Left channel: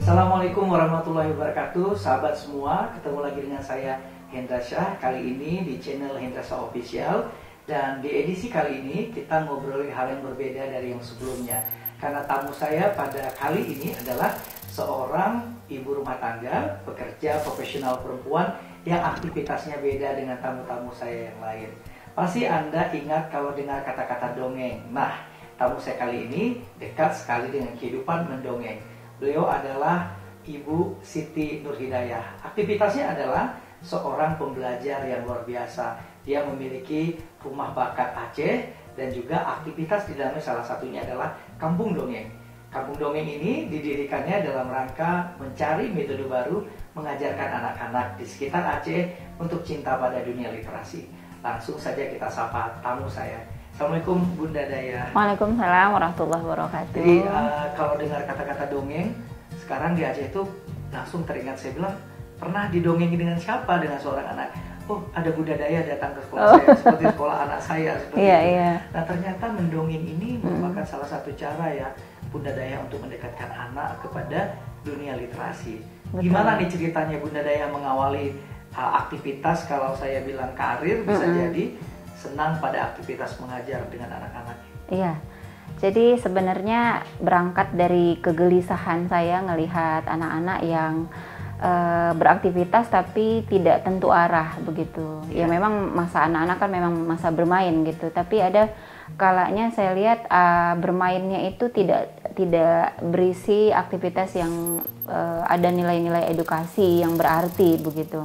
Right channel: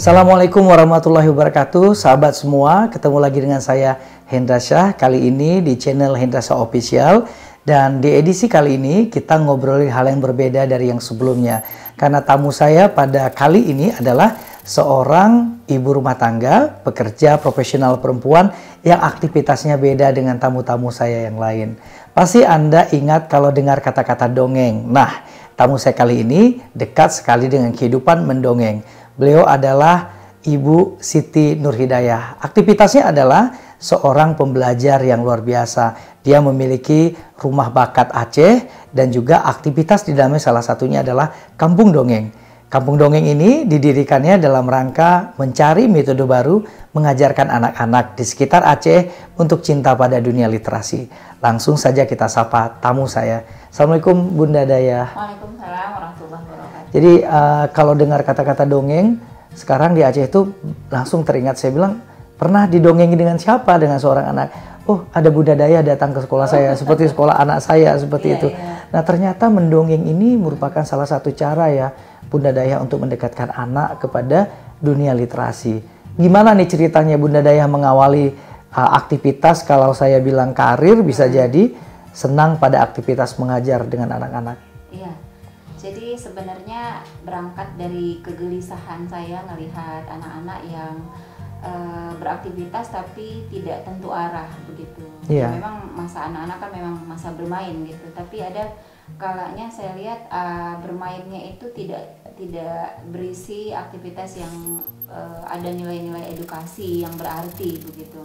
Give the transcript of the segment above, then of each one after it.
Assalamualaikum warahmatullahi wabarakatuh, sahabat semua. Ketemu lagi dengan saya Hendra Syah, kali ini di channel Hendra Syah Official. Dan di edisi kali ini kita ngobrolin hal yang berbeda dari yang sebelumnya. Karena tamu saya pada kali ini adalah seorang ibu rumah tangga, pekerja profesional perempuan yang aktivitasnya beda dengan tamu-tamu saya yang lain. Pasti Anda ingat kalau dengar kata-kata dongeng. Nah, tamu saya kali ini dekat sekali dengan kehidupan mendongeng. Beliau adalah Ibu Siti Nurhidayah. Aktivitasnya adalah seorang pembelajar yang luar biasa. Dia memiliki rumah bakat Aceh dan juga aktivitas di dalamnya salah satunya adalah Kampung Dongeng. Kampung Dongeng ini didirikannya dalam rangka mencari metode baru mengajarkan anak-anak di sekitar Aceh untuk cinta pada dunia literasi. Langsung saja kita sapa tamu saya. Assalamualaikum Bunda Dayah. Waalaikumsalam warahmatullahi wabarakatuh. Jadi kalau dengar kata-kata dongeng, sekarang di Aceh itu langsung teringat, saya bilang, pernah didongengi dengan siapa? Dengan seorang anak. Oh, ada Bunda Dayah datang ke sekolah saya, seperti sekolah anak saya, seperti itu. Nah, ternyata mendongeng ini merupakan salah satu cara ya Bunda Dayah untuk mendekatkan anak kepada dunia literasi. Gimana nih ceritanya Bunda Dayah mengawali aktivitas, kalau saya bilang karir, bisa jadi senang pada aktivitas mengajar dengan anak-anak? Iya, jadi sebenarnya berangkat dari kegelisahan saya ngelihat anak-anak yang beraktivitas tapi tidak tentu arah begitu. Ya memang masa anak-anak kan memang masa bermain gitu, tapi ada kalanya saya lihat bermainnya itu tidak berisi aktivitas yang ada nilai-nilai edukasi yang berarti begitu.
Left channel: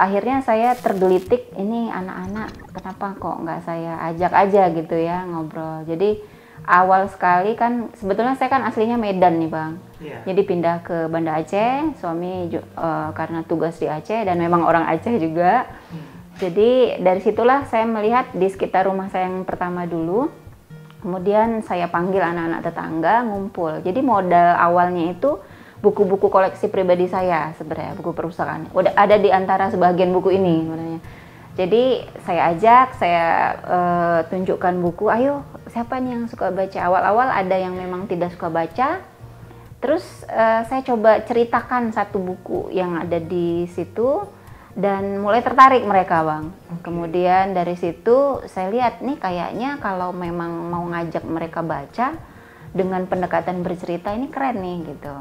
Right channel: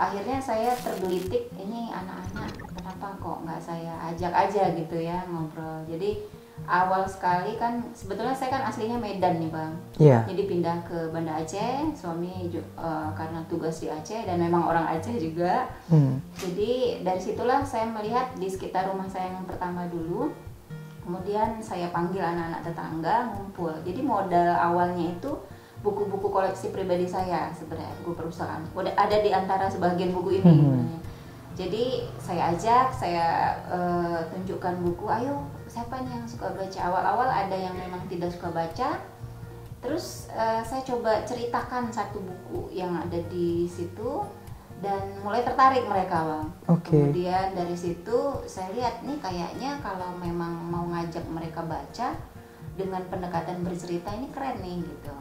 Akhirnya saya tergelitik, ini anak-anak kenapa kok nggak saya ajak aja gitu ya ngobrol. Jadi awal sekali kan sebetulnya saya kan aslinya Medan nih Bang. Jadi pindah ke Banda Aceh, suami karena tugas di Aceh dan memang orang Aceh juga. Jadi dari situlah saya melihat di sekitar rumah saya yang pertama dulu. Kemudian saya panggil anak-anak tetangga ngumpul. Jadi modal awalnya itu buku-buku koleksi pribadi saya sebenarnya, buku perpustakaan. Udah ada di antara sebagian buku ini. Jadi saya ajak, saya tunjukkan buku, ayo siapa nih yang suka baca. Awal-awal ada yang memang tidak suka baca. Terus saya coba ceritakan satu buku yang ada di situ dan mulai tertarik mereka Bang. Kemudian dari situ saya lihat nih kayaknya kalau memang mau ngajak mereka baca dengan pendekatan bercerita ini keren nih gitu.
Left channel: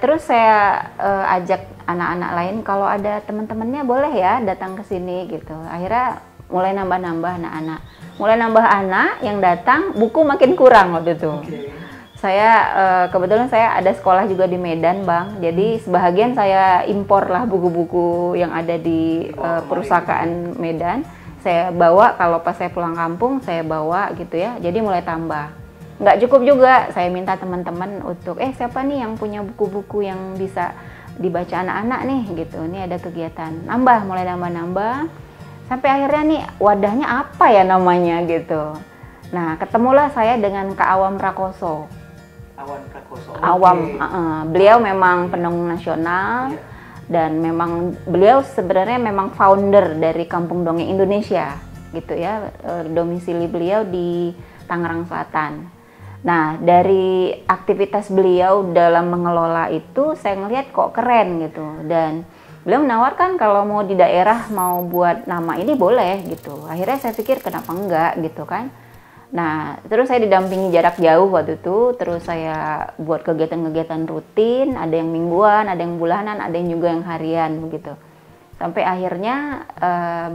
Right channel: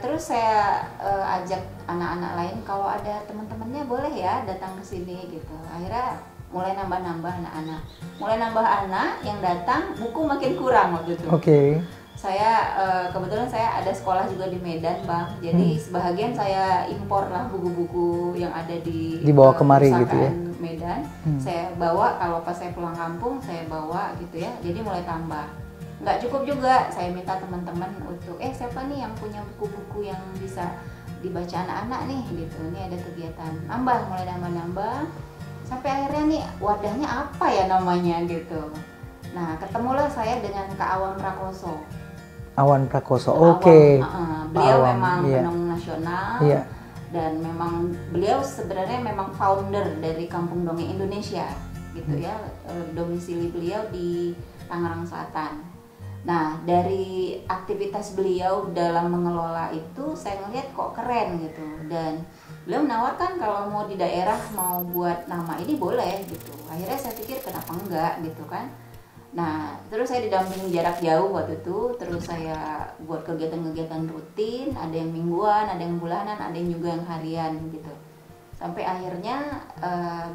Terus saya ajak anak-anak lain, kalau ada teman-temannya boleh ya datang ke sini gitu. Akhirnya mulai nambah-nambah anak-anak. Mulai nambah anak yang datang, buku makin kurang waktu itu. Saya kebetulan saya ada sekolah juga di Medan Bang. Jadi sebahagian saya impor lah buku-buku yang ada di perpustakaan gitu ya? Medan. Saya bawa, kalau pas saya pulang kampung saya bawa gitu ya. Jadi mulai tambah. Nggak cukup juga, saya minta teman-teman untuk siapa nih yang punya buku-buku yang bisa dibaca anak-anak nih gitu. Ini ada kegiatan. Nambah, mulai nambah-nambah. Sampai akhirnya nih wadahnya apa ya namanya gitu. Nah, ketemulah saya dengan Kak Awam Prakoso. Awan Prakoso, beliau memang pendongeng nasional dan memang beliau sebenarnya memang founder dari Kampung Dongeng Indonesia gitu ya. Domisili beliau di Tangerang Selatan. Nah, dari aktivitas beliau dalam mengelola itu saya ngelihat kok keren gitu, dan beliau menawarkan kalau mau di daerah mau buat nama ini boleh gitu. Akhirnya saya pikir kenapa enggak gitu kan. Nah, terus saya didampingi jarak jauh waktu itu, terus saya buat kegiatan-kegiatan rutin, ada yang mingguan, ada yang bulanan, ada yang juga yang harian gitu. Sampai akhirnya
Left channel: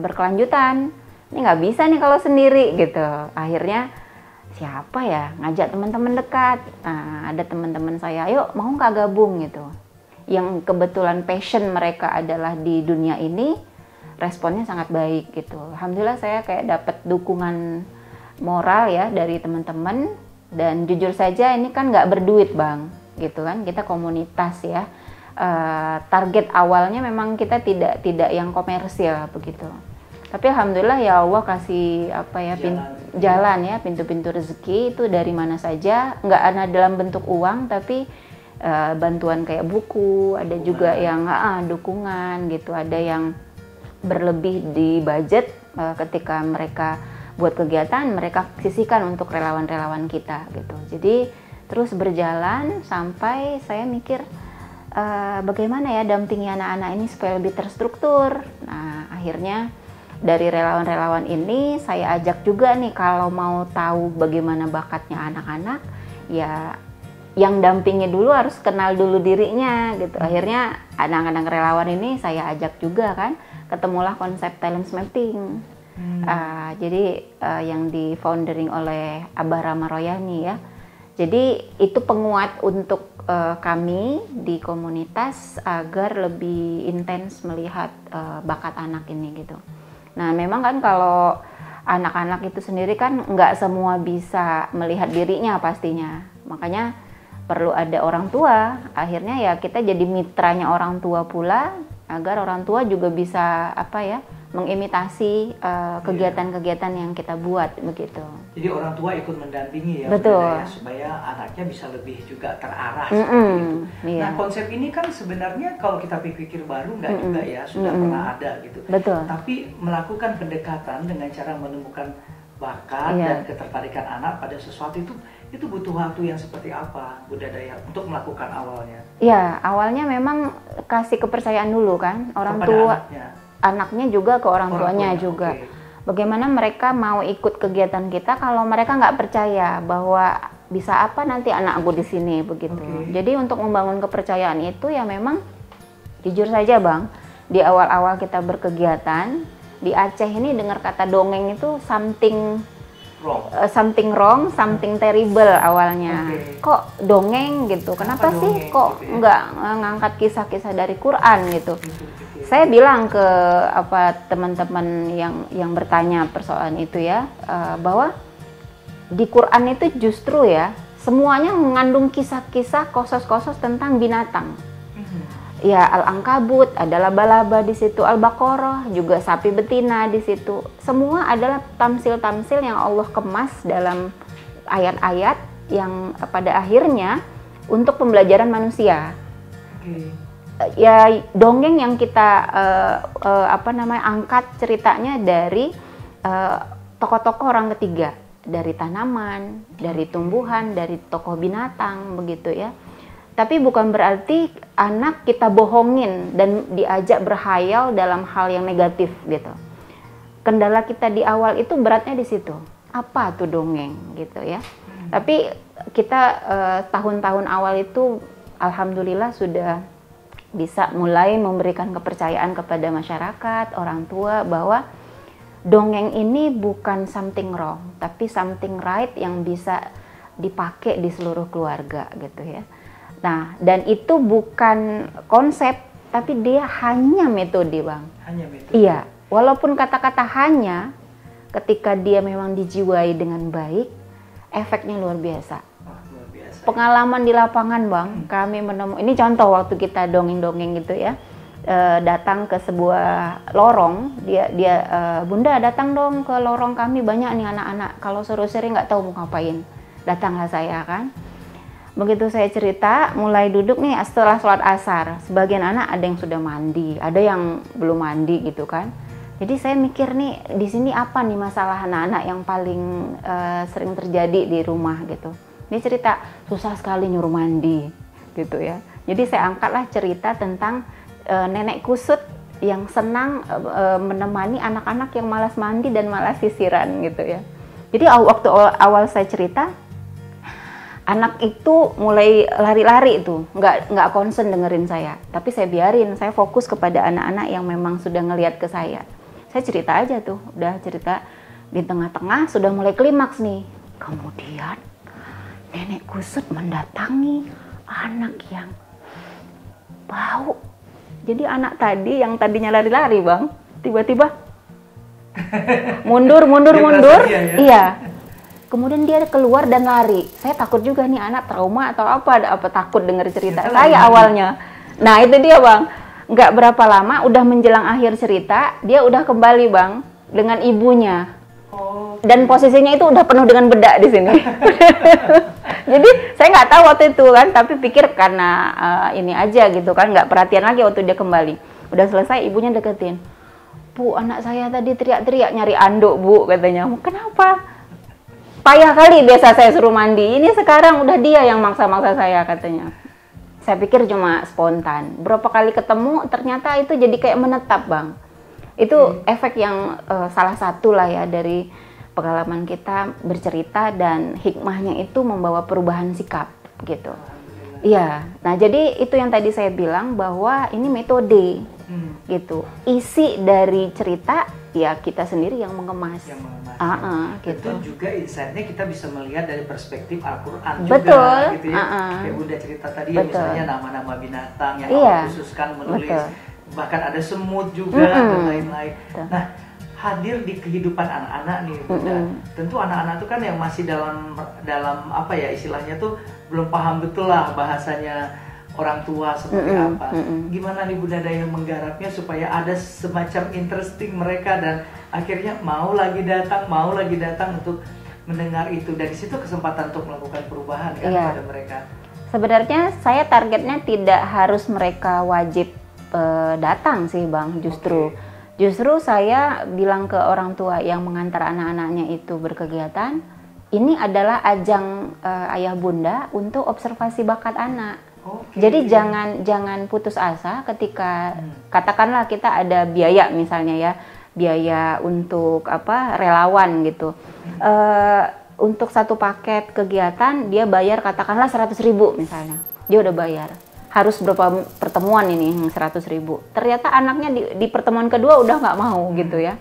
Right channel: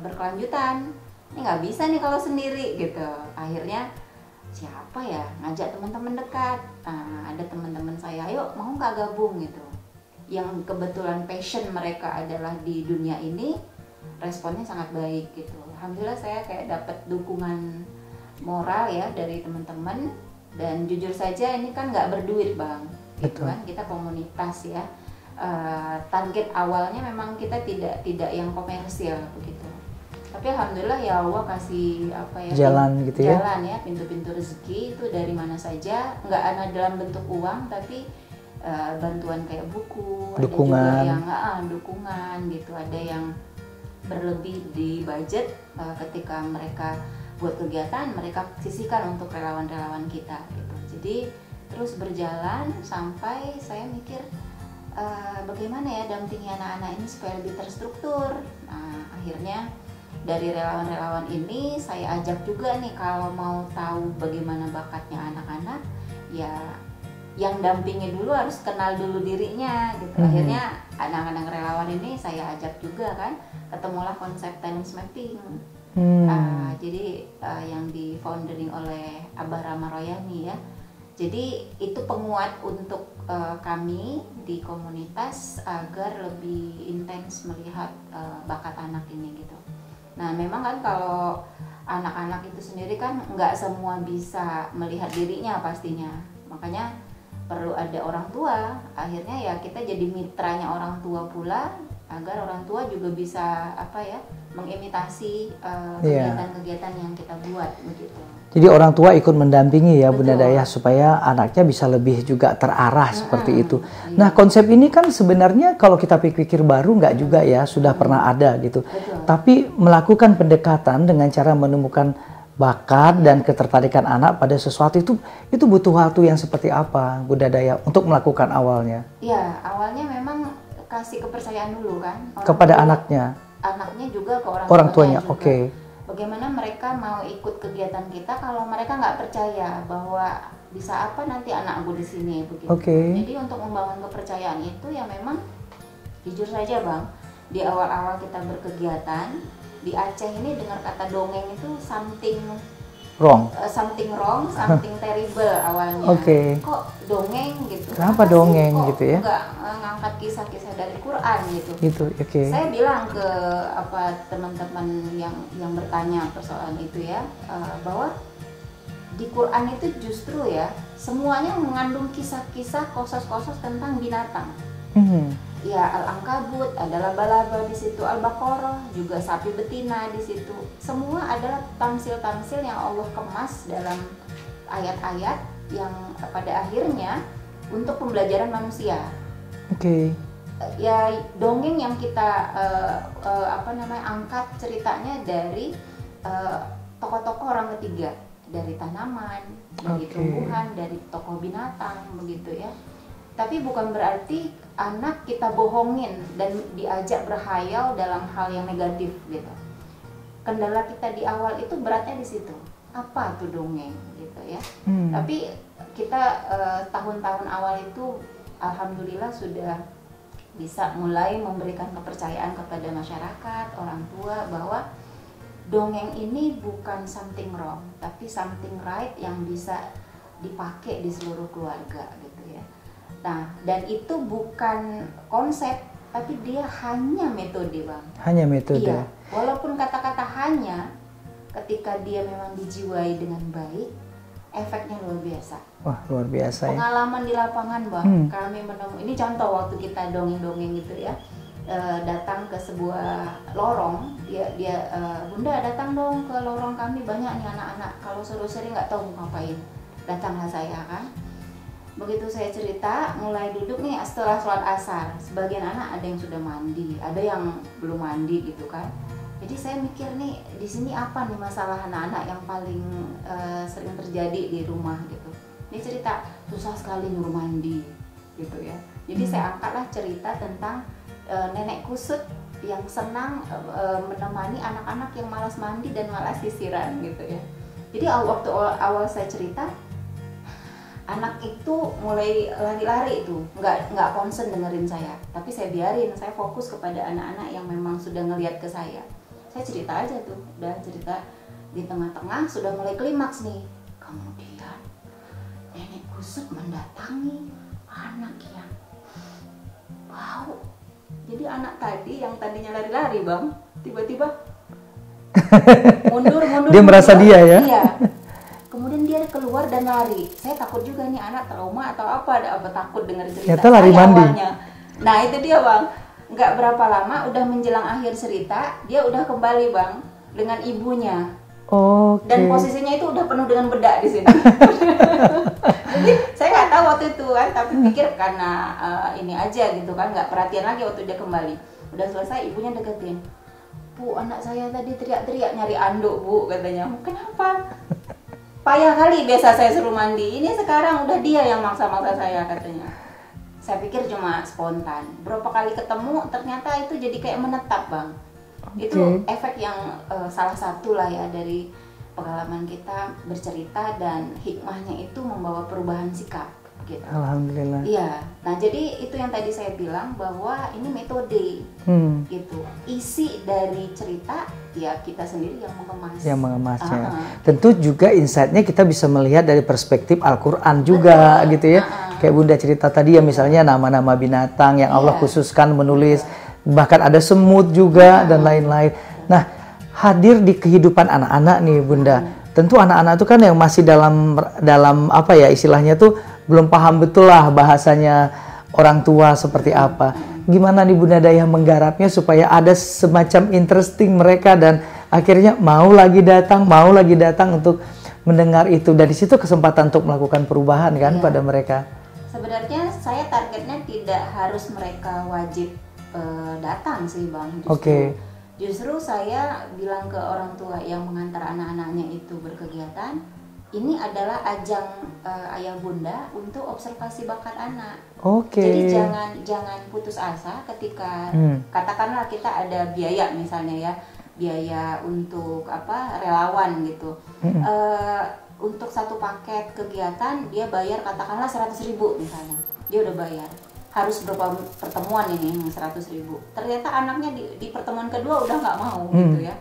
berkelanjutan, ini nggak bisa nih kalau sendiri gitu. Akhirnya siapa ya, ngajak teman-teman dekat. Nah, ada teman-teman saya, ayo mau nggak gabung gitu. Yang kebetulan passion mereka adalah di dunia ini, responnya sangat baik gitu. Alhamdulillah saya kayak dapat dukungan moral ya dari teman-teman, dan jujur saja ini kan nggak berduit Bang gitu kan, kita komunitas ya. Target awalnya memang kita tidak yang komersial begitu, tapi alhamdulillah ya Allah kasih jalan ya, pintu-pintu rezeki itu dari mana saja, nggak ada dalam bentuk uang tapi bantuan kayak buku, ada juga yang dukungan gitu, ada yang berlebih di budget ketika mereka buat kegiatan mereka sisihkan untuk relawan-relawan kita gitu. Jadi Terus berjalan sampai saya mikir bagaimana ya dampingi anak-anak ini supaya lebih terstruktur. Nah, akhirnya dari relawan-relawan ini saya ajak juga nih, kalau mau tahu bagaimana bakatnya anak-anak, ya yang dampingi dulu harus kenal dulu dirinya gitu. Akhirnya anak-anak relawan ini saya ajak juga kan, ketemulah konsep talent mapping. Jadi yang di foundering oleh Abah Rama Royani ya. Jadi itu penguat untuk kami di komunitas agar lebih intens melihat bakat anak ini gitu. Nah memang kan kalau anak-anak itu sendiri kan nggak semua bisa melihat dirinya pastinya. Makanya perlu ada orang tua. Akhirnya ya kita jadi mitranya orang tua pula, agar orang tua juga bisa mengimitasi kegiatan-kegiatan yang kita buat begitu. Jadi orang tua ikut mendampingi ya Bunda Dayah supaya anaknya bisa lebih juga terarah seperti itu. Iya. Nah konsep ini kan sebenarnya kalau kita pikir-pikir baru nggak juga ya, sudah pernah ada gitu. Betul. Tapi melakukan pendekatan dengan cara menemukan bakat dan ketertarikan anak pada sesuatu itu butuh waktu yang seperti apa Bunda Dayah untuk melakukan awalnya? Ya awalnya memang kasih kepercayaan dulu kan orang kepada tua, anaknya juga ke orang tuanya juga. Okay. Bagaimana mereka mau ikut kegiatan kita kalau mereka nggak percaya bahwa bisa apa nanti anakku di sini begitu. Okay. Jadi untuk membangun kepercayaan itu ya memang jujur saja Bang, di awal-awal kita berkegiatan di Aceh ini dengar kata dongeng itu something wrong, something terrible awalnya. Okay. Kok dongeng gitu? Kenapa sih kok gitu ya? Nggak ngangkat kisah-kisah dari Quran gitu? Okay. Saya bilang ke teman-teman yang bertanya persoalan itu ya, bahwa di Quran itu justru ya semuanya mengandung kisah-kisah kosos-kosos tentang binatang. Ya Al-Ankabut, ada laba-laba di situ, Al-Baqarah juga sapi betina di situ. Semua adalah tamsil-tamsil yang Allah kemas dalam ayat-ayat yang pada akhirnya untuk pembelajaran manusia. Oke. Ya dongeng yang kita angkat ceritanya dari tokoh-tokoh orang ketiga, dari tanaman, dari tumbuhan, dari tokoh binatang begitu ya. Tapi bukan berarti anak kita bohongin dan diajak berhayal dalam hal yang negatif gitu. Kendala kita di awal itu beratnya di situ. Apa tuh dongeng gitu ya. Tapi kita tahun-tahun awal itu alhamdulillah sudah bisa mulai memberikan kepercayaan kepada masyarakat, orang tua bahwa dongeng ini bukan something wrong, tapi something right yang bisa dipakai di seluruh keluarga gitu ya. Nah, dan itu bukan konsep, tapi dia hanya metode, Bang. Hanya metode? Iya, walaupun kata-kata hanya, ketika dia memang dijiwai dengan baik, efeknya luar biasa. Wah, luar biasa. Pengalaman di lapangan, Bang, kami menemukan, ini contoh waktu kita dongeng-dongeng gitu ya, datang ke sebuah lorong, dia Bunda datang dong ke lorong kami, banyak nih anak-anak, kalau seru-seru nggak tahu mau ngapain, datanglah saya kan. Begitu saya cerita, mulai duduk nih setelah sholat asar. Sebagian anak ada yang sudah mandi, ada yang belum mandi gitu kan. Jadi saya mikir nih, di sini apa nih masalah anak-anak yang paling sering terjadi di rumah gitu. Ini cerita, susah sekali nyuruh mandi gitu ya. Jadi saya angkatlah cerita tentang nenek kusut yang senang menemani anak-anak yang malas mandi dan malas sisiran gitu ya. Jadi waktu awal saya cerita, anak itu mulai lari-lari itu, nggak concern dengerin saya. Tapi saya biarin, saya fokus kepada anak-anak yang memang sudah ngelihat ke saya. Saya cerita aja tuh, udah cerita di tengah-tengah sudah mulai klimaks nih. Kemudian nenek kusut mendatangi anak yang bau. Jadi anak tadi yang tadinya lari-lari Bang, tiba-tiba mundur. Dia merasa dia ya? Iya. Kemudian dia keluar dan lari. Saya takut juga nih anak trauma atau apa takut dengar cerita saya awalnya. Nah itu dia Bang, nggak berapa lama udah menjelang akhir cerita dia udah kembali Bang dengan ibunya. Okay. Dan posisinya itu udah penuh dengan bedak di sini. Jadi saya nggak tahu waktu itu kan, tapi pikir karena ini aja gitu kan, nggak perhatian lagi waktu dia kembali. Udah selesai ibunya deketin. Bu, anak saya tadi teriak-teriak nyari anduk Bu katanya. Kenapa? payah kali biasa saya suruh mandi, ini sekarang udah dia yang maksa-maksa saya katanya. Saya pikir cuma spontan. Berapa kali ketemu ternyata itu jadi kayak menetap, Bang. Itu efek yang salah satu lah ya dari pengalaman kita bercerita, dan hikmahnya itu membawa perubahan sikap gitu. Alhamdulillah. Iya. Nah, jadi itu yang tadi saya bilang bahwa ini metode gitu. Isi dari cerita ya kita sendiri yang mengemas. Yang mengemasnya. Tentu gitu. Juga insight-nya kita bisa melihat dari perspektif Al-Qur'an juga. Betul. Gitu ya. Kayak Bunda cerita tadi ya, misalnya nama-nama binatang yang Allah khususkan menulis. Betul. Bahkan ada semut juga dan lain-lain. Nah, hadir di kehidupan anak-anak nih Bunda. Tentu anak-anak itu kan yang masih dalam apa ya istilahnya tuh belum paham betul lah bahasanya orang tua seperti apa. Gimana nih Bunda Daya menggarapnya supaya ada semacam interesting mereka dan akhirnya mau lagi datang untuk mendengar itu. Dari situ kesempatan untuk melakukan perubahan kan pada mereka. Sebenarnya saya targetnya tidak harus mereka wajib datang sih Bang, justru. Justru saya bilang ke orang tua yang mengantar anak-anaknya itu berkegiatan, ini adalah ajang ayah bunda untuk observasi bakat anak. Jadi jangan putus asa ketika katakanlah kita ada biaya misalnya ya, biaya untuk relawan gitu. Untuk satu paket kegiatan dia bayar katakanlah 100.000 misalnya, dia udah bayar. Harus berapa pertemuan ini 100.000. Ternyata anaknya di pertemuan kedua udah nggak mau gitu ya.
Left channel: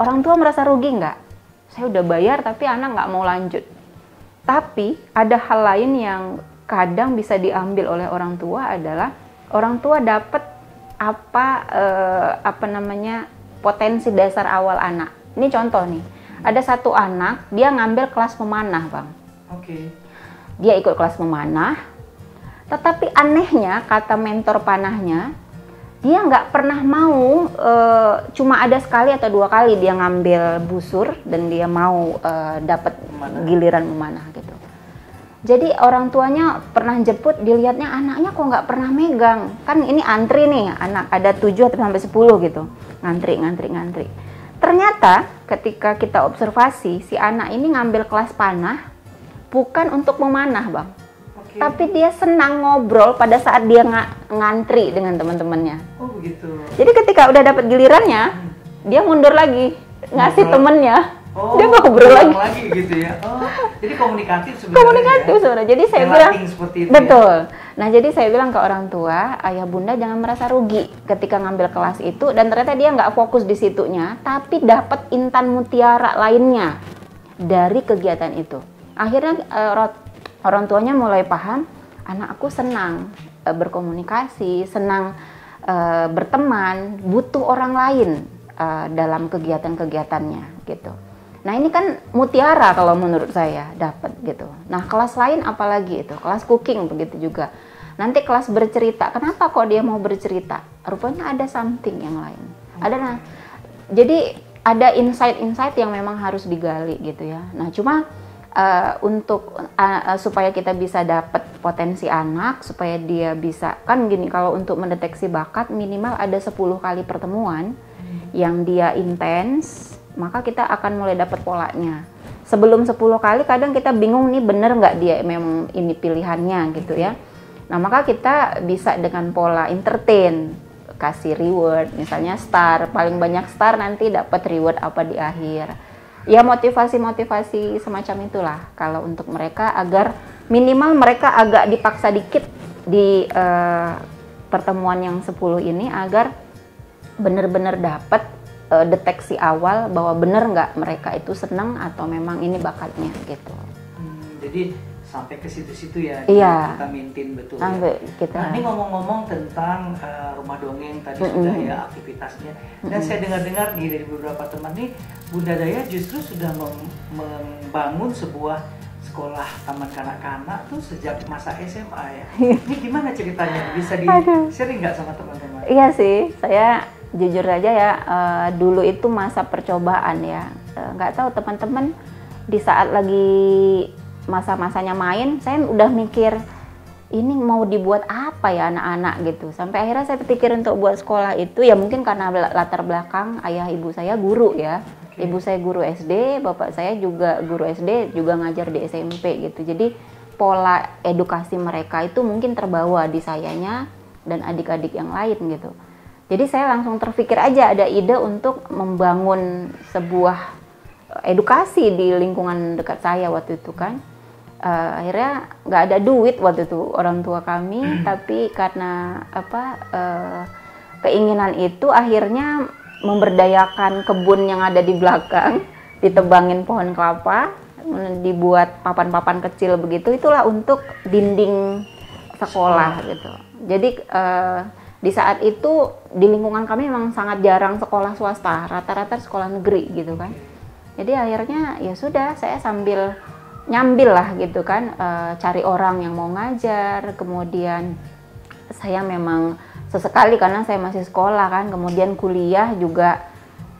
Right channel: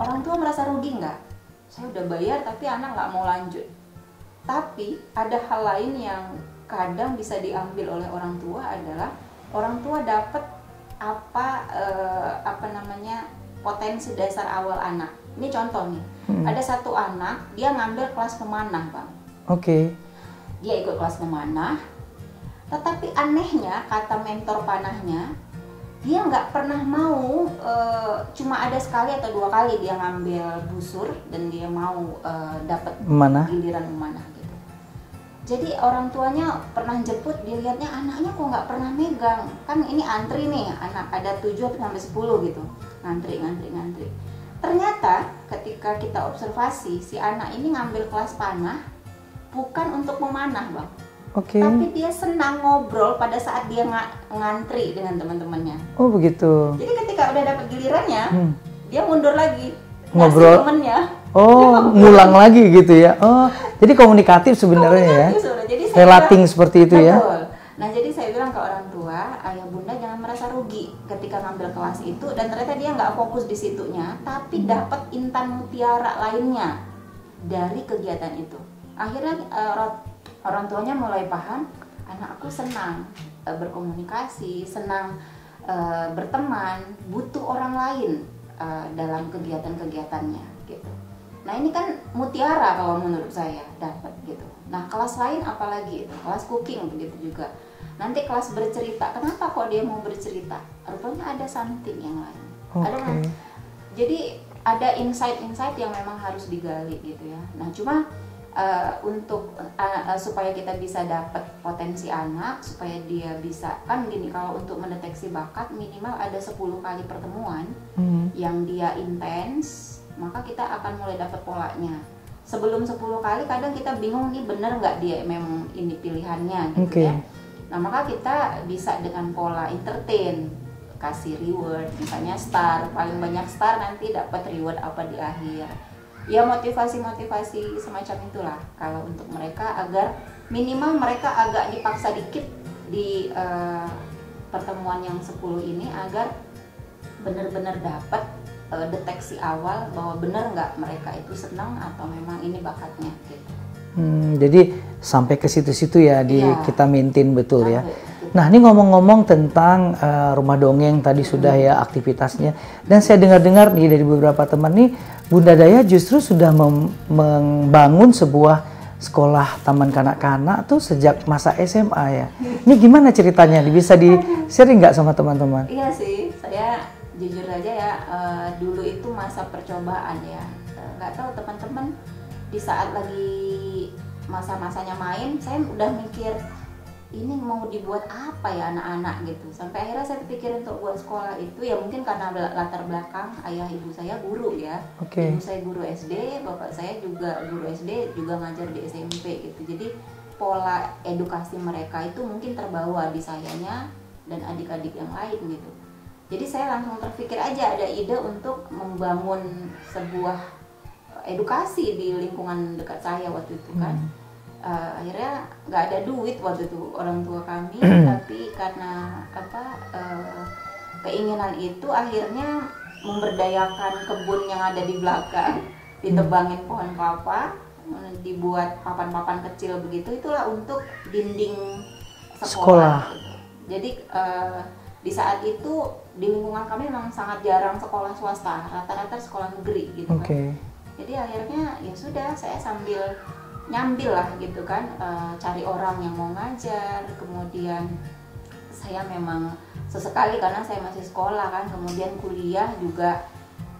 Orang tua merasa rugi nggak? Saya udah bayar tapi anak nggak mau lanjut. Tapi ada hal lain yang kadang bisa diambil oleh orang tua adalah orang tua dapat potensi dasar awal anak. Ini contoh nih. Ada satu anak dia ngambil kelas memanah, Bang. Dia ikut kelas memanah. Tetapi anehnya kata mentor panahnya, dia nggak pernah mau, cuma ada sekali atau 2 kali dia ngambil busur dan dia mau dapat giliran memanah gitu. Jadi orang tuanya pernah jemput, dilihatnya anaknya kok nggak pernah megang. Kan ini antri nih, anak ada 7 sampai 10 gitu, ngantri. Ternyata ketika kita observasi, si anak ini ngambil kelas panah bukan untuk memanah, Bang. Tapi dia senang ngobrol pada saat dia ngantri dengan teman-temannya. Oh begitu. Jadi ketika udah dapat gilirannya, dia mundur lagi, ngasih temennya. Dia ngulang lagi gitu ya. Oh, jadi komunikatif sebenarnya ya. Jadi saya relating seperti itu ya. Betul. Nah jadi saya bilang ke orang tua, ayah bunda jangan merasa rugi ketika ngambil kelas itu, dan ternyata dia nggak fokus di situnya, tapi dapat intan mutiara lainnya dari kegiatan itu. Akhirnya orang tuanya mulai paham, anak aku senang berkomunikasi, senang berteman, butuh orang lain dalam kegiatan-kegiatannya gitu. Nah ini kan mutiara kalau menurut saya dapat gitu. Nah kelas lain apalagi itu, kelas cooking begitu juga. Nanti kelas bercerita, kenapa kok dia mau bercerita? Rupanya ada something yang lain. Jadi ada insight-insight yang memang harus digali gitu ya. Nah cuma untuk supaya kita bisa dapat potensi anak, supaya dia bisa, kan gini, kalau untuk mendeteksi bakat minimal ada 10 kali pertemuan yang dia intens, maka kita akan mulai dapat polanya. Sebelum 10 kali kadang kita bingung nih bener nggak dia memang ini pilihannya gitu ya. Nah maka kita bisa dengan pola entertain, kasih reward, misalnya star, paling banyak star nanti dapat reward apa di akhir. Ya motivasi-motivasi semacam itulah kalau untuk mereka, agar minimal mereka agak dipaksa dikit di pertemuan yang 10 ini agar benar-benar dapat deteksi awal bahwa benar nggak mereka itu senang atau memang ini bakatnya gitu. Jadi sampai ke situ-situ ya kita maintain betul ya. Nah ini ngomong-ngomong tentang rumah dongeng tadi sudah ya aktivitasnya, dan saya dengar-dengar nih dari beberapa teman nih, Bunda Daya justru sudah membangun sebuah sekolah taman kanak-kanak tuh sejak masa SMA ya. Ini gimana ceritanya? Bisa di-sharing nggak sama teman-teman? Iya sih, saya jujur aja ya, dulu itu masa percobaan ya. Nggak tahu teman-teman di saat lagi masa-masanya main, saya udah mikir ini mau dibuat apa ya anak-anak gitu. Sampai akhirnya saya pikir untuk buat sekolah itu ya mungkin karena latar belakang ayah ibu saya guru ya. Ibu saya guru SD, bapak saya juga guru SD, juga ngajar di SMP gitu. Jadi pola edukasi mereka itu mungkin terbawa di sayanya dan adik-adik yang lain gitu. Jadi saya langsung terpikir aja ada ide untuk membangun sebuah edukasi di lingkungan dekat saya waktu itu kan. Akhirnya nggak ada duit waktu itu orang tua kami, tapi karena keinginan itu akhirnya memberdayakan kebun yang ada di belakang, ditebangin pohon kelapa, dibuat papan-papan kecil begitu, itulah untuk dinding sekolah. Gitu. Jadi di saat itu di lingkungan kami memang sangat jarang sekolah swasta, rata-rata sekolah negeri gitu kan. Jadi akhirnya ya sudah, saya sambil nyambil lah gitu kan, cari orang yang mau ngajar, kemudian saya memang sesekali karena saya masih sekolah kan, kemudian kuliah juga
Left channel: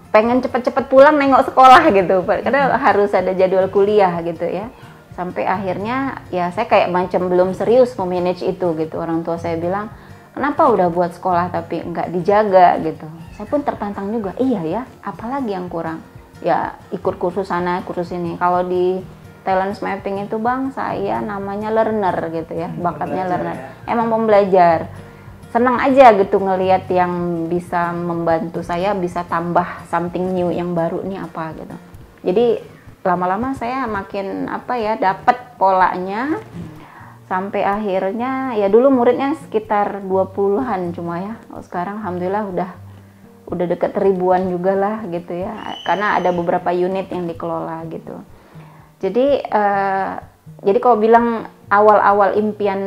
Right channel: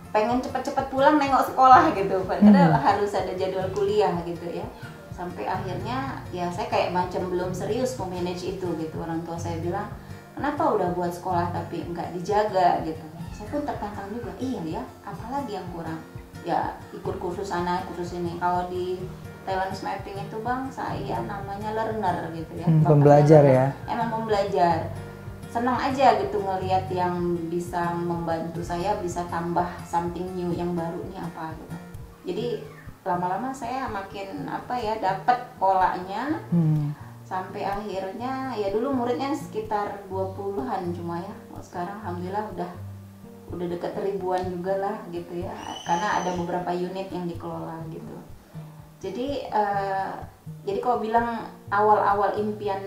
pengen cepet-cepet pulang nengok sekolah gitu, karena harus ada jadwal kuliah gitu ya. Sampai akhirnya ya saya kayak macam belum serius memanage itu gitu. Orang tua saya bilang, kenapa udah buat sekolah tapi nggak dijaga gitu. Saya pun tertantang juga, iya ya, apalagi yang kurang? Ya ikut kursus sana, kursus ini. Kalau di talent mapping itu Bang, saya namanya learner gitu ya, bakatnya learner. Ya? Emang pembelajar. Senang aja gitu ngelihat yang bisa membantu saya, bisa tambah something new yang baru nih apa gitu. Jadi lama-lama saya makin dapat polanya. Sampai akhirnya ya dulu muridnya sekitar 20-an cuma ya. Sekarang alhamdulillah udah dekat ribuan juga lah gitu ya. Karena ada beberapa unit yang dikelola gitu. Jadi kalau bilang awal-awal impian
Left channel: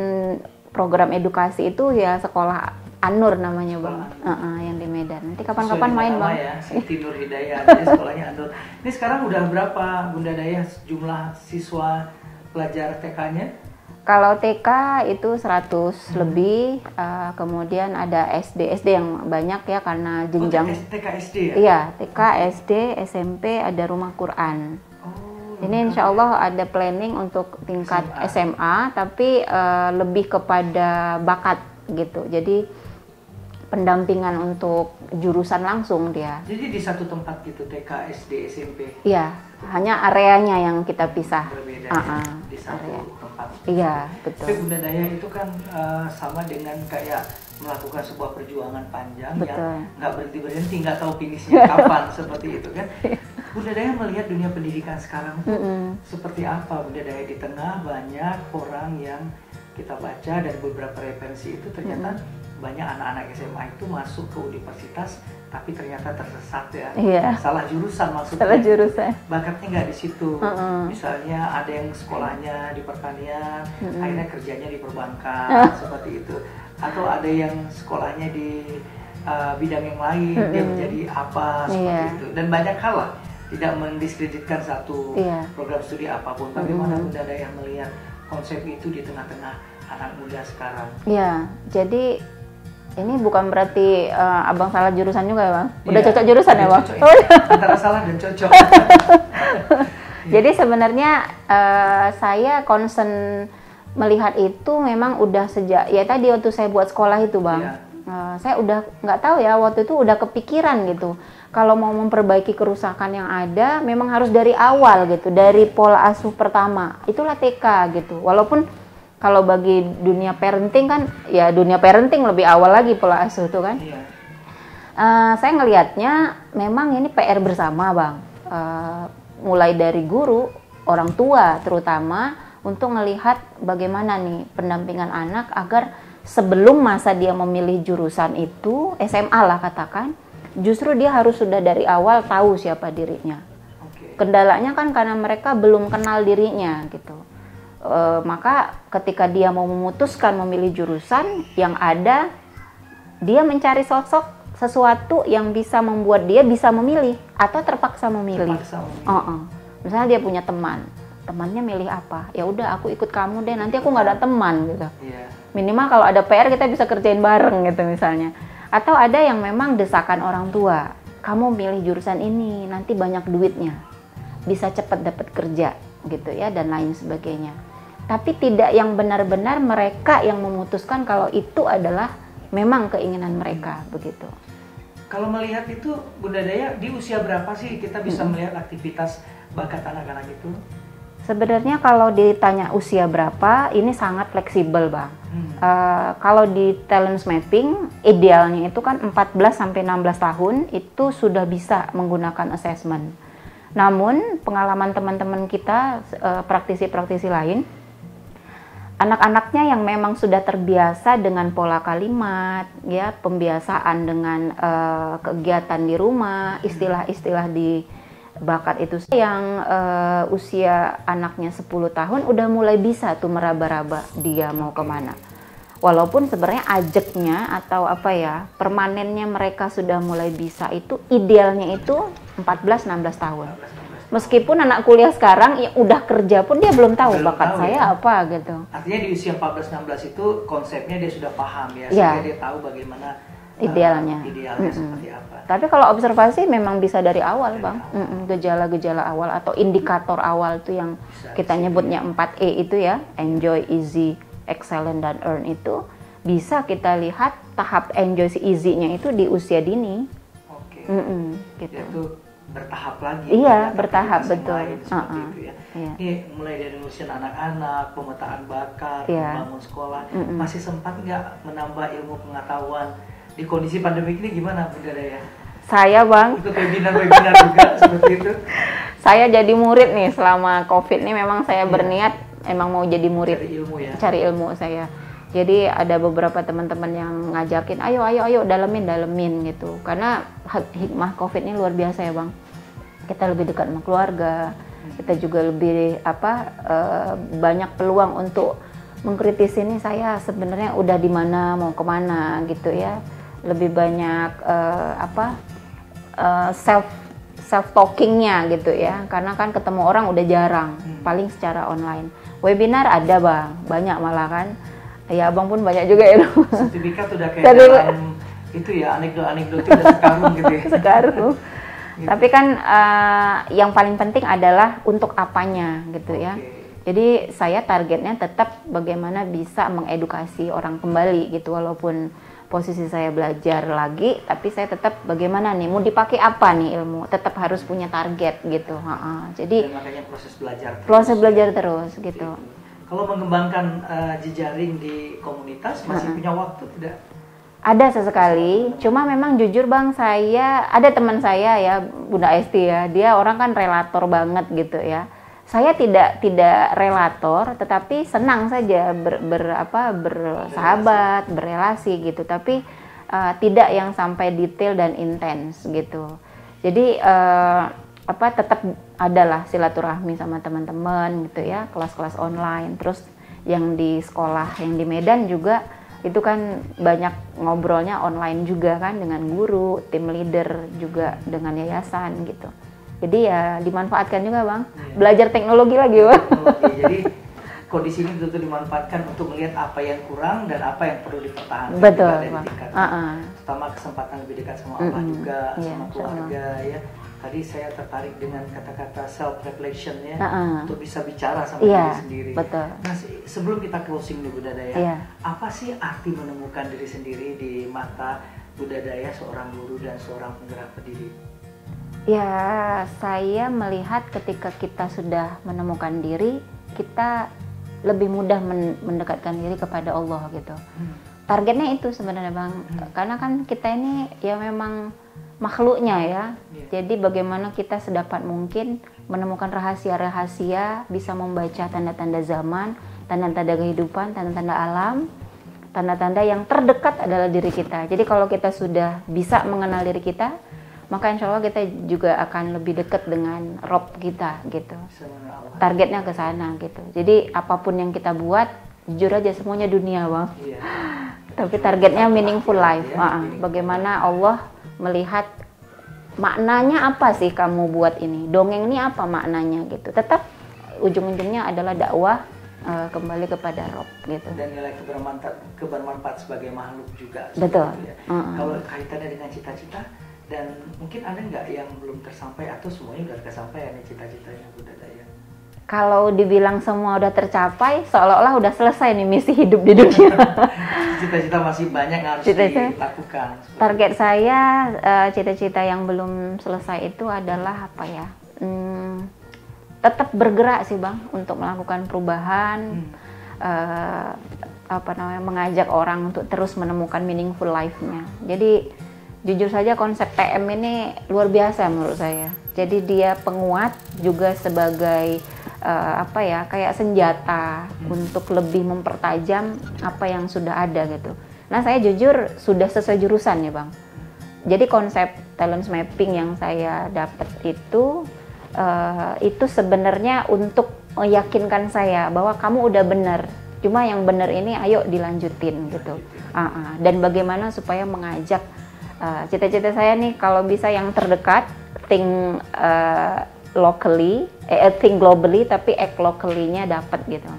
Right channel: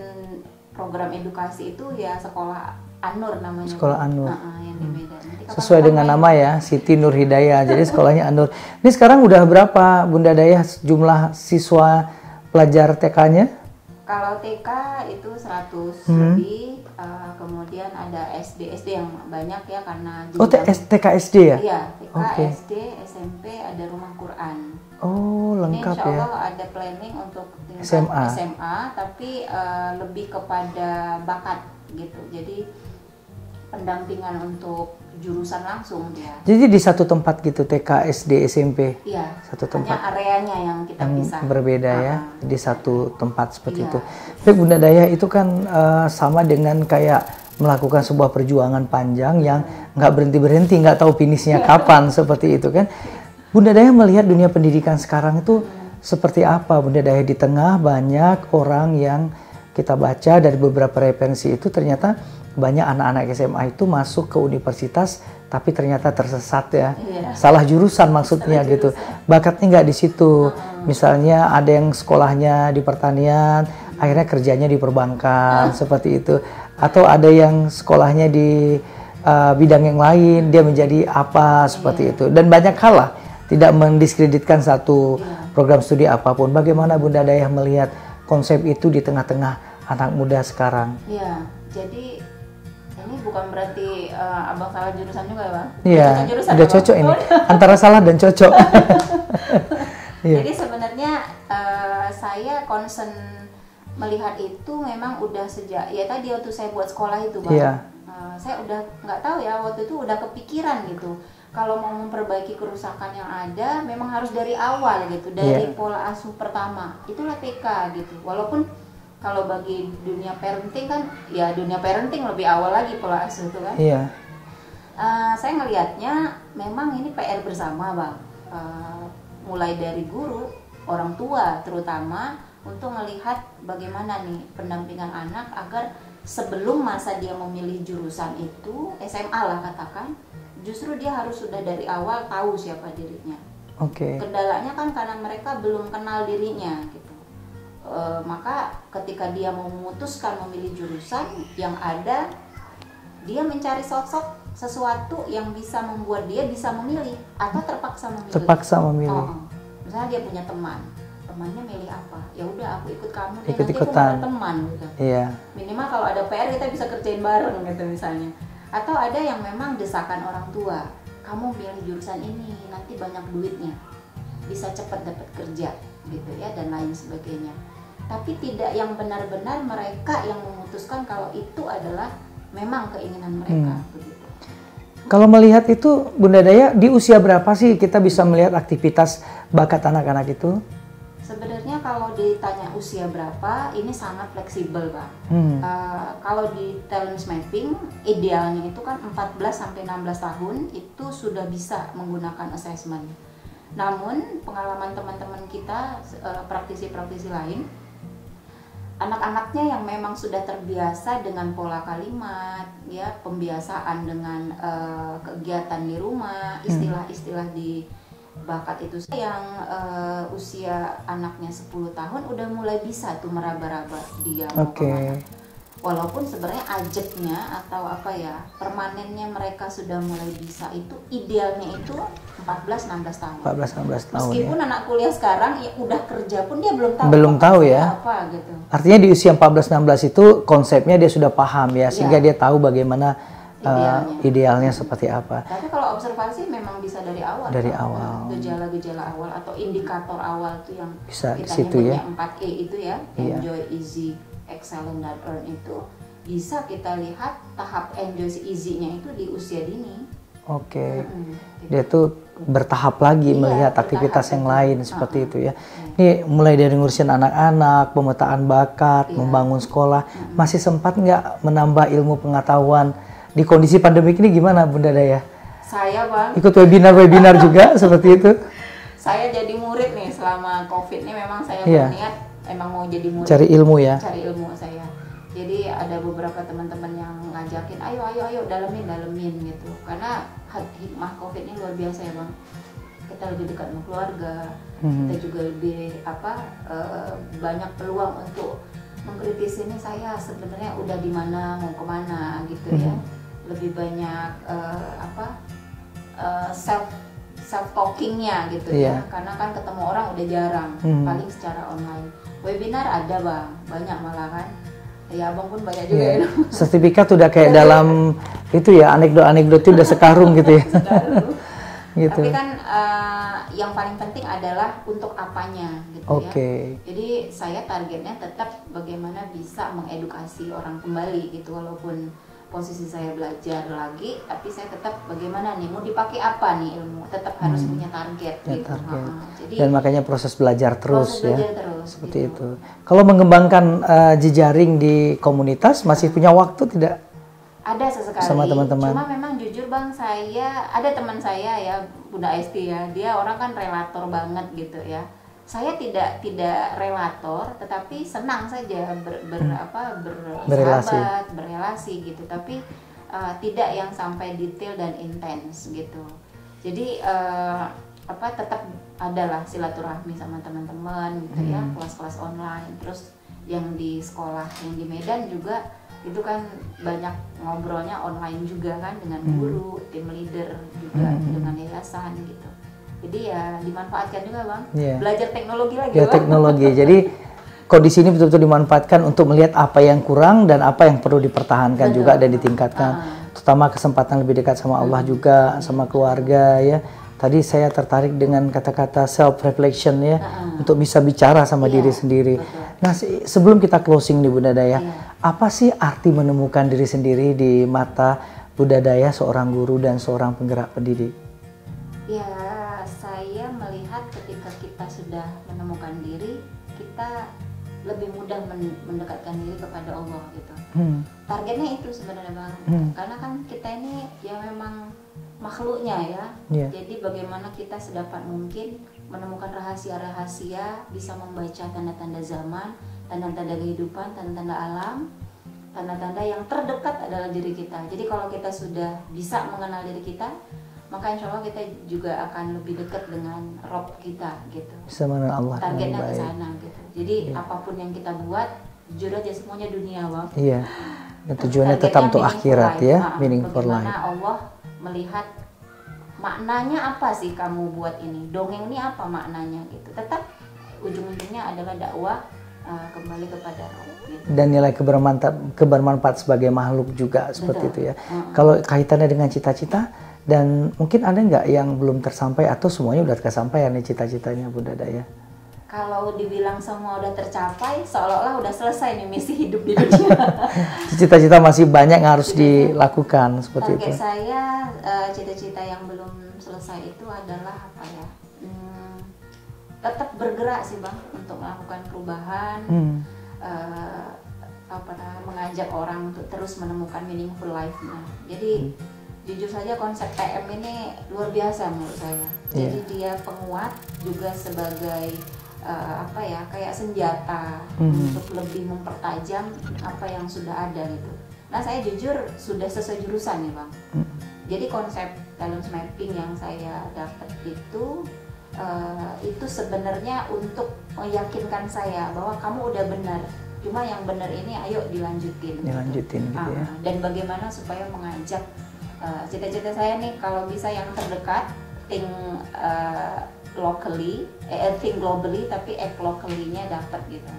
program edukasi itu ya sekolah An-Nur namanya. Sekolah An-Nur. Yang di Medan. Nanti sesuai dengan nama ya, Siti Nur Hidayah. Jadi sekolahnya An-Nur. Ini sekarang udah berapa Bunda Dayah jumlah siswa pelajar TK-nya? Kalau TK itu 100 lebih, kemudian ada SD yang banyak ya karena jenjang. TK SD ya? Iya, TK, SD, SMP, ada rumah Quran. Oh, lengkap. Ini insya Allah ada planning untuk tingkat SMA tapi lebih kepada bakat gitu. Jadi pendampingan untuk jurusan langsung dia. Jadi di satu tempat gitu, TK, SD, SMP? Iya, satu hanya tempat. areanya yang kita pisah. Berbeda ya, di satu tempat seperti itu. Betul. Tapi Bunda Dayah itu kan sama dengan kayak melakukan sebuah perjuangan panjang yang nggak berhenti-berhenti, nggak tahu finishnya kapan, seperti itu kan. Bunda Dayah melihat dunia pendidikan sekarang itu seperti apa? Bunda Dayah di tengah banyak orang yang kita baca dari beberapa referensi itu ternyata banyak anak-anak SMA itu masuk ke universitas tapi ternyata tersesat ya, salah jurusan maksudnya gitu, bakatnya nggak di situ. Misalnya ada yang sekolahnya di pertanian, akhirnya kerjanya di perbankan seperti itu, atau ada yang sekolahnya di bidang yang lain, dia menjadi apa seperti itu, dan banyak hal lah, tidak mendiskreditkan satu program studi apapun. Bagaimana Bunda Dayah melihat konsep itu di tengah-tengah anak muda sekarang? Iya, jadi ini bukan berarti abang salah jurusan juga ya Bang? Udah cocok jurusan udah ya Bang? Cocok ini. Antara salah dan cocok. Jadi sebenarnya saya concern melihat itu memang udah sejak, ya tadi waktu saya buat sekolah itu Bang. Saya udah nggak tahu ya, waktu itu udah kepikiran gitu. Kalau mau memperbaiki kerusakan yang ada, memang harus dari awal gitu. Dari pola asuh pertama, itulah TK gitu. Walaupun kalau bagi dunia parenting kan, ya dunia parenting lebih awal lagi pola asuh itu kan. Saya ngelihatnya memang ini PR bersama Bang. Mulai dari guru, orang tua terutama, untuk melihat bagaimana nih pendampingan anak agar sebelum masa dia memilih jurusan itu, SMA lah katakan, justru dia harus sudah dari awal tahu siapa dirinya. Kendalanya kan karena mereka belum kenal dirinya gitu. Maka ketika dia mau memutuskan memilih jurusan, yang ada dia mencari sosok sesuatu yang bisa membuat dia bisa memilih atau terpaksa memilih. Misalnya dia punya temannya milih apa, ya udah aku ikut kamu deh, nanti aku nggak ada teman gitu. Minimal kalau ada PR kita bisa kerjain bareng gitu misalnya. Atau ada yang memang desakan orang tua, kamu milih jurusan ini nanti banyak duitnya, bisa cepat dapat kerja gitu ya, dan lain sebagainya. tapi tidak yang benar-benar mereka yang memutuskan kalau itu adalah memang keinginan mereka begitu. Kalau melihat itu Bunda Daya, di usia berapa sih kita bisa melihat aktivitas bakat anak-anak itu? Sebenarnya kalau ditanya usia berapa, ini sangat fleksibel Bang. Kalau di talent mapping, idealnya itu kan 14-16 tahun itu sudah bisa menggunakan assessment. Namun pengalaman teman-teman kita, praktisi-praktisi lain, anak-anaknya yang memang sudah terbiasa dengan pola kalimat, ya, pembiasaan dengan kegiatan di rumah, istilah-istilah di bakat itu yang usia anaknya 10 tahun udah mulai bisa tuh meraba-raba dia mau kemana. Walaupun sebenarnya ajeknya atau apa ya, permanennya mereka sudah mulai bisa itu idealnya itu 14-16 tahun. 14-16 tahun. Meskipun anak kuliah sekarang ya udah kerja pun dia belum tahu ya apa gitu. Artinya di usia 14-16 itu konsepnya dia sudah paham ya, sehingga dia tahu bagaimana idealnya seperti apa. Tapi kalau observasi memang bisa dari awal, gejala-gejala awal atau indikator awal itu yang bisa kita nyebutnya 4E itu ya, enjoy, easy, excellent, dan earn itu bisa kita lihat tahap enjoy si easy-nya itu di usia dini. Gitu. Dia tuh bertahap lagi melihat aktivitas yang lain seperti itu ya. Ini mulai dari ngurusin anak-anak, pemetaan bakat, membangun sekolah, masih sempat nggak menambah ilmu pengetahuan di kondisi pandemik ini gimana Bunda Daya? Saya Bang ikut webinar juga seperti itu. Saya jadi murid nih selama COVID ini, memang saya berniat emang mau jadi murid. Cari ilmu ya? Cari ilmu saya. Jadi ada beberapa teman-teman yang ngajakin, ayo dalemin gitu. Karena hikmah COVID ini luar biasa ya Bang. Kita lebih dekat sama keluarga, kita juga lebih banyak peluang untuk mengkritisi ini saya sebenarnya udah di mana, mau kemana gitu ya. Lebih banyak self talkingnya gitu ya. Karena kan ketemu orang udah jarang, paling secara online. Webinar ada Bang, banyak malah kan. Ya Abang pun banyak juga ya. Sertifikat udah kayak dalam itu ya, anekdot itu udah sekarung gitu ya. Sekarung. Gitu. Tapi kan yang paling penting adalah untuk apanya gitu ya. Jadi saya targetnya tetap bagaimana bisa mengedukasi orang kembali gitu, walaupun posisi saya belajar lagi, tapi saya tetap bagaimana nih, mau dipakai apa nih ilmu, tetap harus punya target gitu. Jadi dan makanya proses belajar terus. Proses belajar terus gitu. Itu. Kalau mengembangkan jejaring di komunitas masih punya waktu tidak? Ada sesekali, cuma memang jujur Bang, saya ada teman saya ya, Bunda Esti ya, dia orang kan relator banget gitu ya. Saya tidak relator, tetapi senang saja bersahabat, berrelasi gitu, tapi tidak yang sampai detail dan intens gitu. Jadi tetap adalah silaturahmi sama teman-teman gitu ya, kelas-kelas online, terus yang di sekolah yang di Medan juga itu kan banyak ngobrolnya online juga kan dengan guru, tim leader juga dengan yayasan gitu. Jadi ya dimanfaatkan juga Bang, belajar teknologi lagi Bang. Teknologi, jadi kondisi ini betul-betul dimanfaatkan untuk melihat apa yang kurang dan apa yang perlu dipertahankan juga dan ditingkatkan. Terutama kesempatan lebih dekat sama Allah juga, sama keluarga ya. Tadi saya tertarik dengan kata-kata self-reflection ya, untuk bisa bicara sama diri sendiri. Nah sebelum kita closing nih Bunda Daya, apa sih arti menemukan diri sendiri di mata Bunda Daya, seorang guru dan seorang penggerak pendidik? Ya, saya melihat ketika kita sudah menemukan diri, kita lebih mudah mendekatkan diri kepada Allah gitu. Targetnya itu sebenarnya Bang, karena kan kita ini ya memang makhluknya ya. Jadi bagaimana kita sedapat mungkin menemukan rahasia-rahasia, bisa membaca tanda-tanda zaman, tanda-tanda kehidupan, tanda-tanda alam, tanda-tanda yang terdekat adalah diri kita. Jadi kalau kita sudah bisa mengenal diri kita, maka insya Allah kita juga akan lebih dekat dengan Rob kita gitu. Allah. Targetnya ke sana gitu. Jadi apapun yang kita buat, jujur aja semuanya dunia Bang. Tapi targetnya meaningful life. Bagaimana Allah melihat maknanya apa sih kamu buat ini? Dongeng ini apa maknanya gitu. Tetap ujung-ujungnya adalah dakwah kembali kepada Rob gitu. Dan nilai kebermanfaat sebagai makhluk juga seperti itu ya. Kalau kaitannya dengan cita-cita, dan mungkin ada nggak yang belum tersampai atau semuanya udah kesampaian nih cita-citanya Bunda Daya? kalau dibilang semua udah tercapai, seolah-olah udah selesai nih misi hidup di dunia. Cita-cita masih banyak yang harus dilakukan. Target saya, cita-cita yang belum selesai itu adalah apa ya? Tetap bergerak sih Bang, untuk melakukan perubahan, mengajak orang untuk terus menemukan meaningful life-nya. Jadi jujur saja konsep TM ini luar biasa menurut saya. Jadi dia penguat juga sebagai kayak senjata untuk lebih mempertajam apa yang sudah ada gitu. Nah saya jujur sudah sesuai jurusan ya Bang. Jadi konsep talent mapping yang saya dapat itu sebenarnya untuk meyakinkan saya bahwa kamu udah benar. Cuma yang benar ini ayo dilanjutin gitu. Dan bagaimana supaya mengajak cita-cita saya nih kalau bisa yang terdekat, think locally, think globally tapi act locally-nya dapat gitu.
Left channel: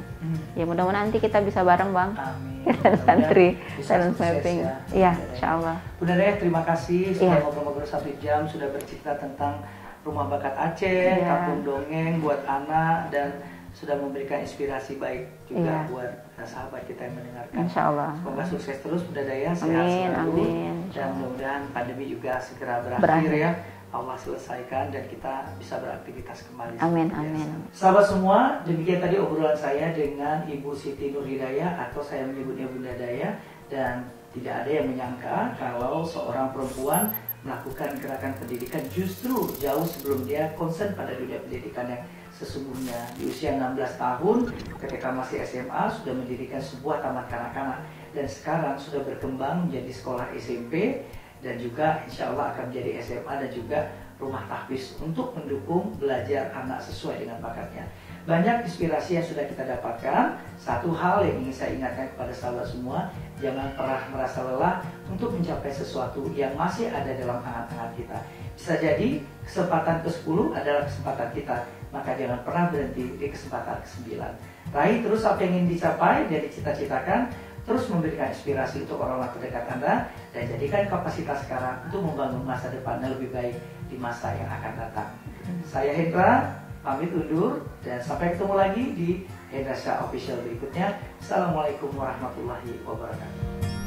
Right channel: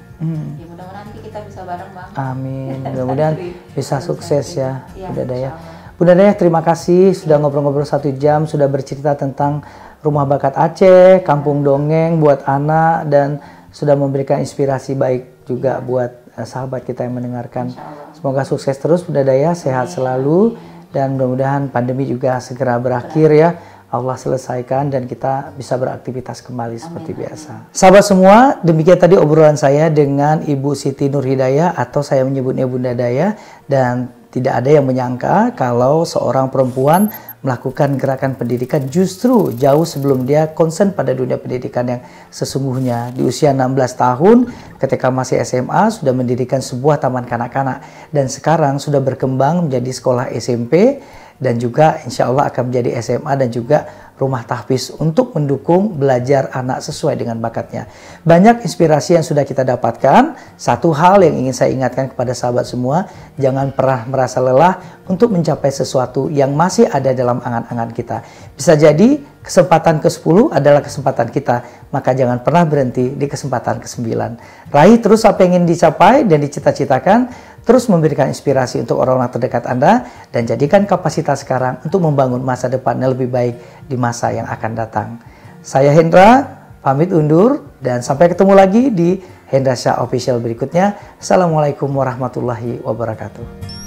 Ya mudah-mudahan nanti kita bisa bareng Bang. Amin. Mudah-mudahan bisa sukses ya. Bunda Daya. Bunda Daya terima kasih sudah ngobrol-ngobrol 1 jam, sudah bercerita tentang Rumah Bakat Aceh, Kampung Dongeng buat anak, dan sudah memberikan inspirasi baik juga buat sahabat kita yang mendengarkan. Semoga sukses terus Bunda Daya, sehat selalu. Dan mudah-mudahan pandemi juga segera berakhir ya. Allah selesaikan dan kita bisa beraktivitas kembali seperti biasa. Sahabat semua, demikian tadi obrolan saya dengan Ibu Siti Nurhidayah atau saya menyebutnya Bunda Daya, dan tidak ada yang menyangka kalau seorang perempuan melakukan gerakan pendidikan justru jauh sebelum dia konsen pada dunia pendidikan yang sesungguhnya. Di usia 16 tahun ketika masih SMA sudah mendirikan sebuah taman kanak-kanak, dan sekarang sudah berkembang menjadi sekolah SMP, dan juga insya Allah akan menjadi SMA dan juga rumah tahfiz untuk mendukung belajar anak sesuai dengan bakatnya. Banyak inspirasi yang sudah kita dapatkan. Satu hal yang ingin saya ingatkan kepada sahabat semua, jangan pernah merasa lelah untuk mencapai sesuatu yang masih ada dalam angan-angan kita. Bisa jadi kesempatan ke-10 adalah kesempatan kita, maka jangan pernah berhenti di kesempatan ke-9. Raih terus apa yang ingin dicapai dan dicita-citakan, terus memberikan inspirasi untuk orang-orang terdekat Anda, dan jadikan kapasitas sekarang untuk membangun masa depan yang lebih baik di masa yang akan datang. Saya Hendra, pamit undur, dan sampai ketemu lagi di Hendra Shah Official berikutnya. Assalamualaikum warahmatullahi wabarakatuh.